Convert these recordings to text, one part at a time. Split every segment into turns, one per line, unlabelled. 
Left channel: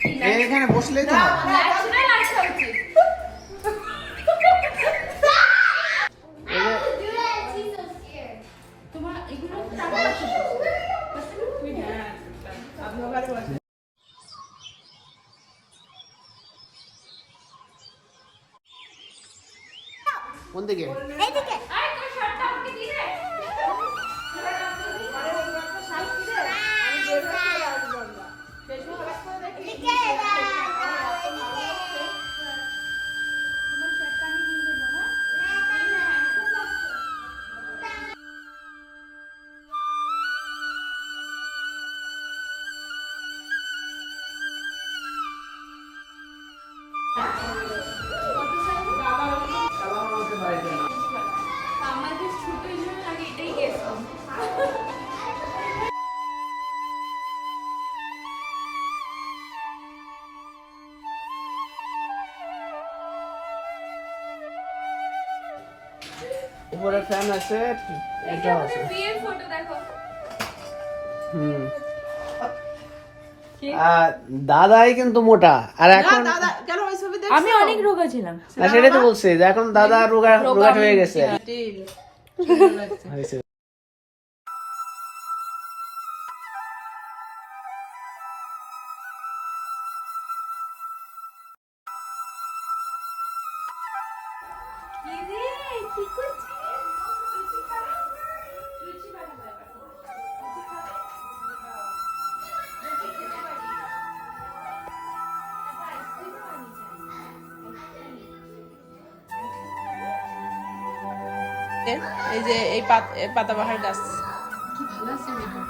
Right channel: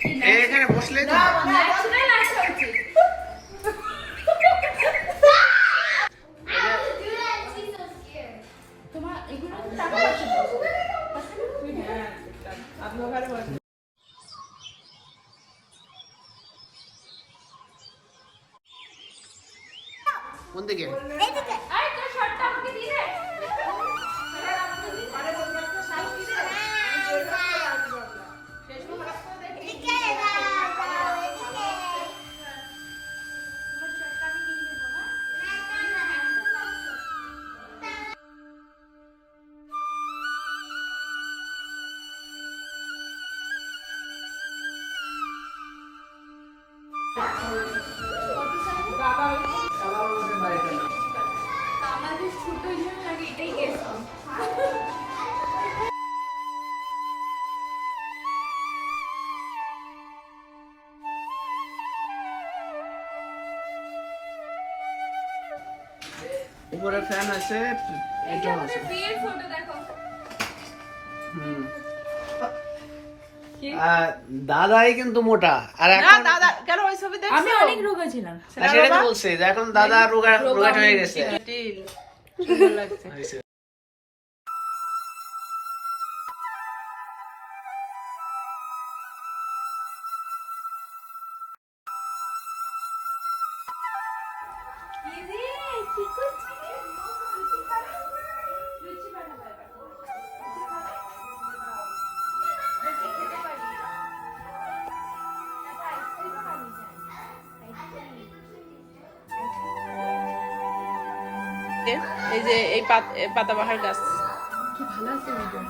এখানে বসলেই তো কোন দিকে?
আমাদের ছোট জন্য লাগে এটাই গেছিলাম
উপরে ফ্যান আছে?
যে আমাদের বিয়ের ফটো দেখো।
হুম। আর দাদাই কিন্তু মোটা। আর এখন
দাদা কেন ওই ছবি দেখছ?
আমি অনেক রোগা ছিলাম।
না, সেটাই তো বলছি যে এখন দাদা রোগা রোগা হয়ে গেছে।
রে কি করছিস?
এই যে এই পাত- এই পাতাবাহার গাছ।
কি ভালো আছে মেয়েটা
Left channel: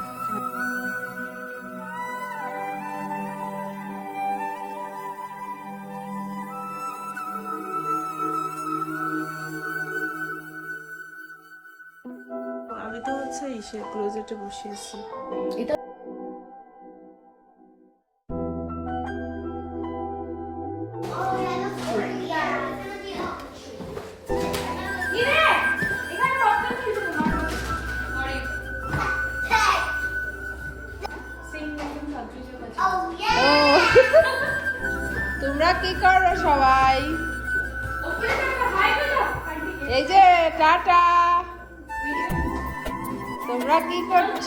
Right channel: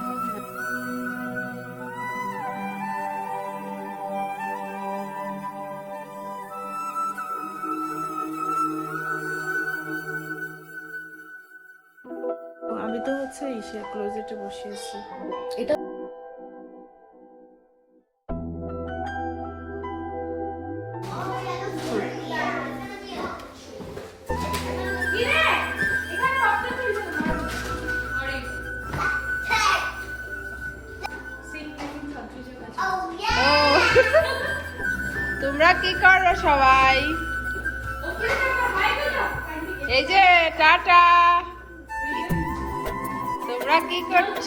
আমি তো হচ্ছে ইসের ক্লোজেটে বসে আছি।
কি
তোমরা কি করো সবাই? এই যে টাটা। তোমরা কি করছ?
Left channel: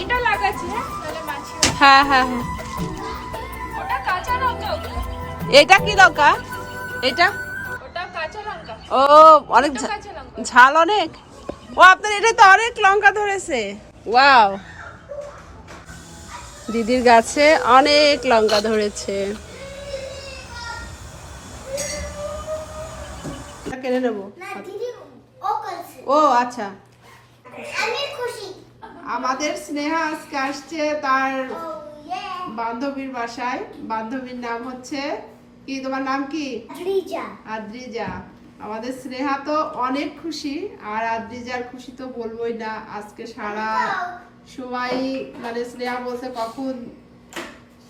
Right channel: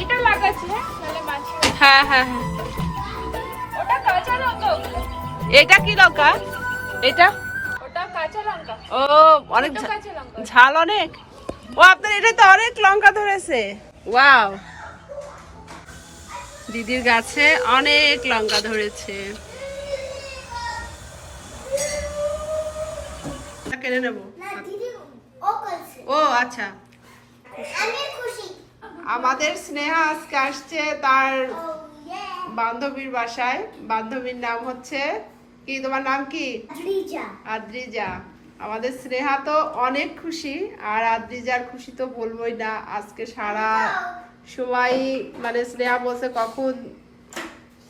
এটা লাগাচ্ছি হ্যাঁ?
হ্যাঁ হ্যাঁ হ্যাঁ।
ওটা কাঁচা লঙ্কা।
এটা কি লঙ্কা? এটা?
ওটা কাঁচা লঙ্কা।
ও অনেক ঝা- ঝাল অনেক। ও আপনার এটা তো অনেক লঙ্কা ধরেছে। ওয়াও। দিদির গাছে অনেক লঙ্কা ধরেছে। কেনে নেব। ও আচ্ছা। আমাদের স্নেহা আজকে আসছে তার বান্ধবীর বাসায়। বান্ধবীর নাম হচ্ছে কি? তোমার নাম কি? আদ্রিজা। আমাদের স্নেহা তো অনেক খুশি আর আদ্রিজার খুশি তো বলবোই না। আজকে সারা সবাই মানে স্নেহা বলছে কখন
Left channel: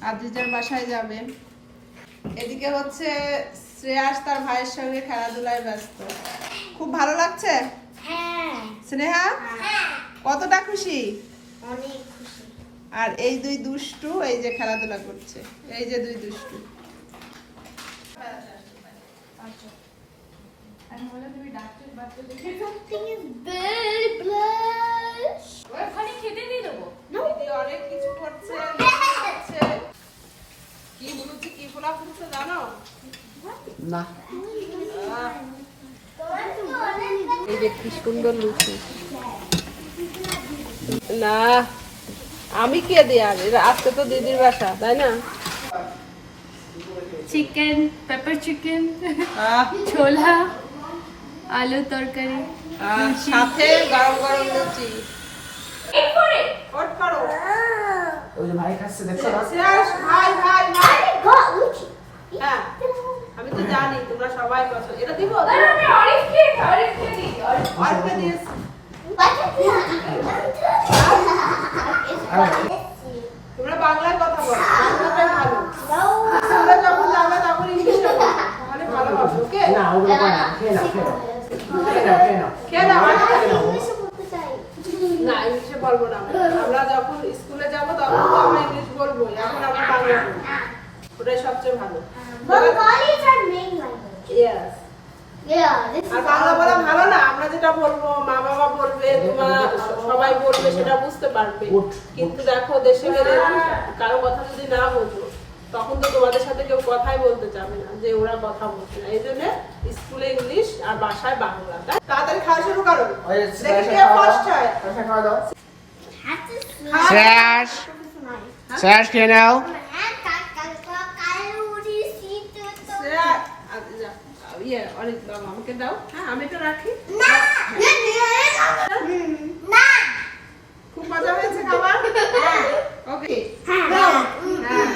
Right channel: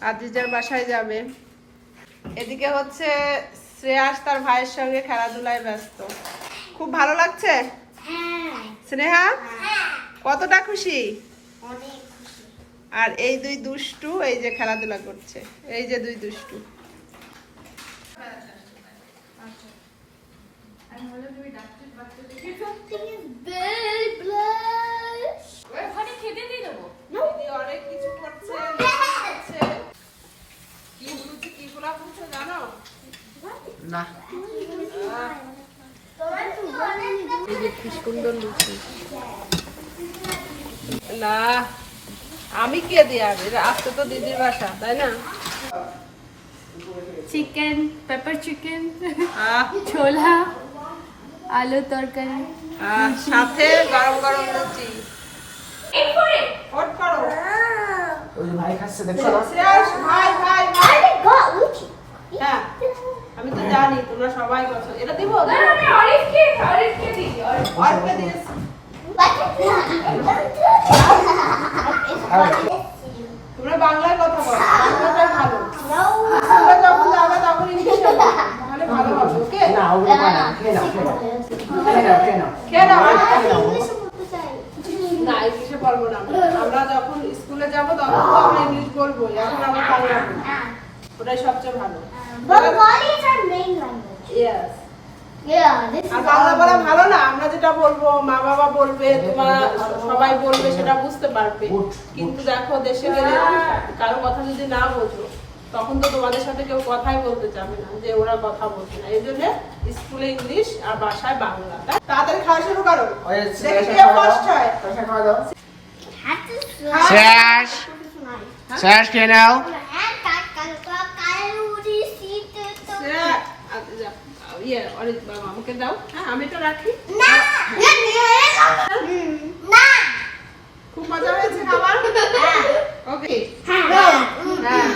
আদ্রিজার বাসায় যাবে। এদিকে হচ্ছে শ্রেয়াস তার ভাইয়ের সঙ্গে খেলাধুলায় ব্যস্ত। খুব ভালো লাগছে? স্নেহা? কতটা খুশি? আর এই দুই দুষ্টু এই যে খেলাধুলা করছে এই যে দুই দুষ্টু। অনেক কিছু করছে কি বলছে কি ফুলা ফুলছে জানো?
না।
এই যে কি সুন্দর লুচি। না আমি কে দিয়ে আগে আজকে তো দিদির বাসা তাই না?
চিকেন পেপার চিকেন ছোলা আলু তরকারি।
সাথে গরম গরম লুচি। হট করো।
ওই যে ভাই খাচ্ছে দেখছ?
ভাই ভাই ভাই। হ্যাঁ আমি তো জানি তোমরা সবাই এটা দিব? তোমরা বাংলায় কথা বলো বাংলাটাই ভালো তোমরা যখন যাবে তখন ইংলিশে বলো তাহলে ভালো হবে ওকে
না ওগুলো পায় খেয়ে নাও খেয়ে নাও খেয়ে নাও খেয়ে নাও
খেয়ে নাও না ইংলিশে বলব না আমরা। আমরা যখন স্কুলে যাব তখন তো আমরা ইংলিশ বলব এখন আমরা বাংলা ওটাই সবচেয়ে ভালো আর বাংলা বলা ভালো না আমরা যেটা বলব মা বাবা বলবে তোমার সবাই বলবে সেটা বুঝতে পারবে। কিন্তু দেখো দেশে গেলে কারও কথা যদি না বোঝো তখন তো তোমাদের সাথে কেউ কথাই বলতে চাবে না যে ওরা কথা বলছে না। এই জন্য স্কুলে ইংলিশ আর বাসায় বাংলা? তাড়াতাড়ি খাওয়া শুরু করো।
খাওয়া দাও
হয়।
শ্রেয়াস খেয়ে নাও।
ইয়ে অনেক বাবা আমাকে দাও। হ্যাঁ আমি তো রাখি। খুব মজা হয়েছে খাবার? ওকে হ্যাঁ।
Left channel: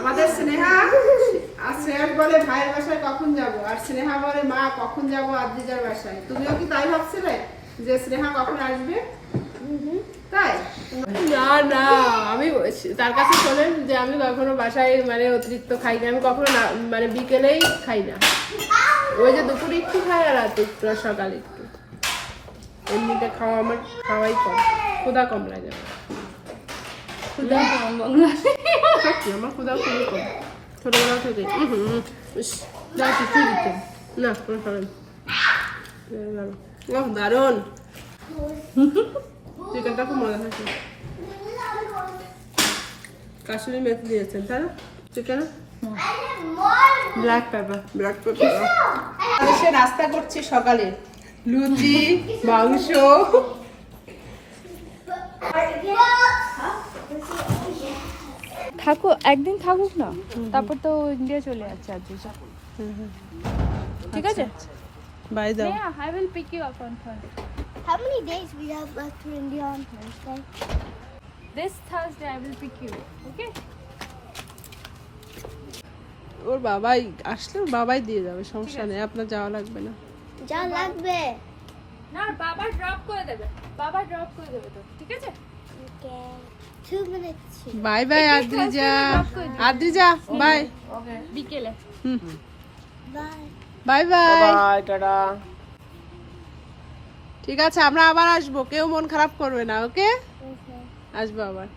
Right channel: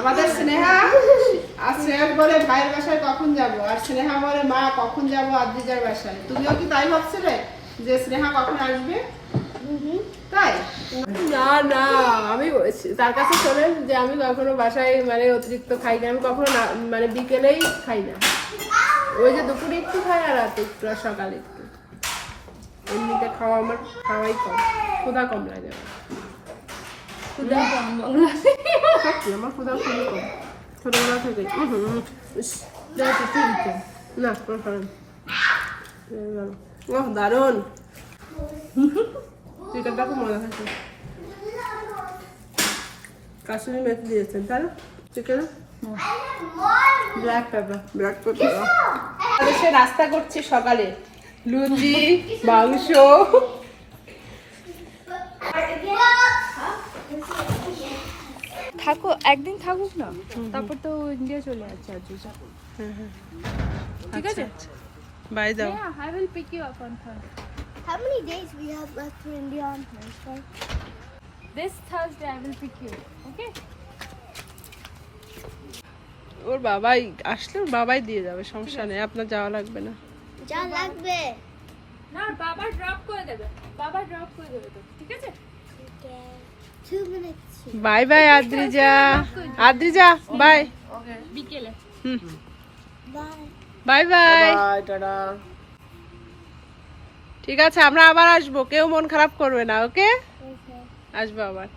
আমাদের স্নেহা আর শ্রেয়াস বলে ভাইয়ের বাসায় কখন যাব? আর স্নেহা বলে মা কখন যাব? আদ্রিজার বাসায়। তুমিও কি তাই ভাবছিলে যে স্নেহা কখন আসবে? তাই? না না আমি তার কাছে শোনেন যে আমি কখনো বাসায় মানে অতিরিক্ত খাই না। আমি কখনো না মানে বিকেলেই খাই না। ওই যে দুপুরে একটু খাই আর রাতে একটু আর সকালে একটু। এমনিতে খাওয়া আমার খাওয়াই কম। ক্ষুধা কম লাগে আমার।
খুদা কম বাংলা।
আমার খুবই ছোটবেলা থেকে। দিতে না কোনো সময়। ওহ দারুণ। চিকেনটা খুব মজা কাশুরি মেথি দিয়েছেন তাই না? চিকেনে
ব্ল্যাক পেপার
ব্ল্যাক পেপার সে নাস্তা করছি সকালে লুচি মাংস
থাকো একদিন থাকুক না তারপর তো ইন্ডিয়া চলে যাচ্ছে আজ ঠিক আছে
বাই দাও
Yeah, I will pick you up on Thursday.
How many days we have left for India on Thursday?
This Thursday I will pick you. Okay?
ওর বাবাই আসলে ওর বাবাই দিয়ে যাবে সমস্যা নেই আপনার যাওয়া লাগবে না।
যা লাগবে।
না বাবা ড্রপ করে দেবে। বাবা ড্রপ করে দেবে তো ঠিক আছে?
Bye bye Adrija. Adrija bye.
বিকেলে।
হুম। বাই। Bye
bye. টাটা।
ঠিক আছে আমরা আবার আসব কেউ মন খারাপ করবে না ওকে. আসব আবার।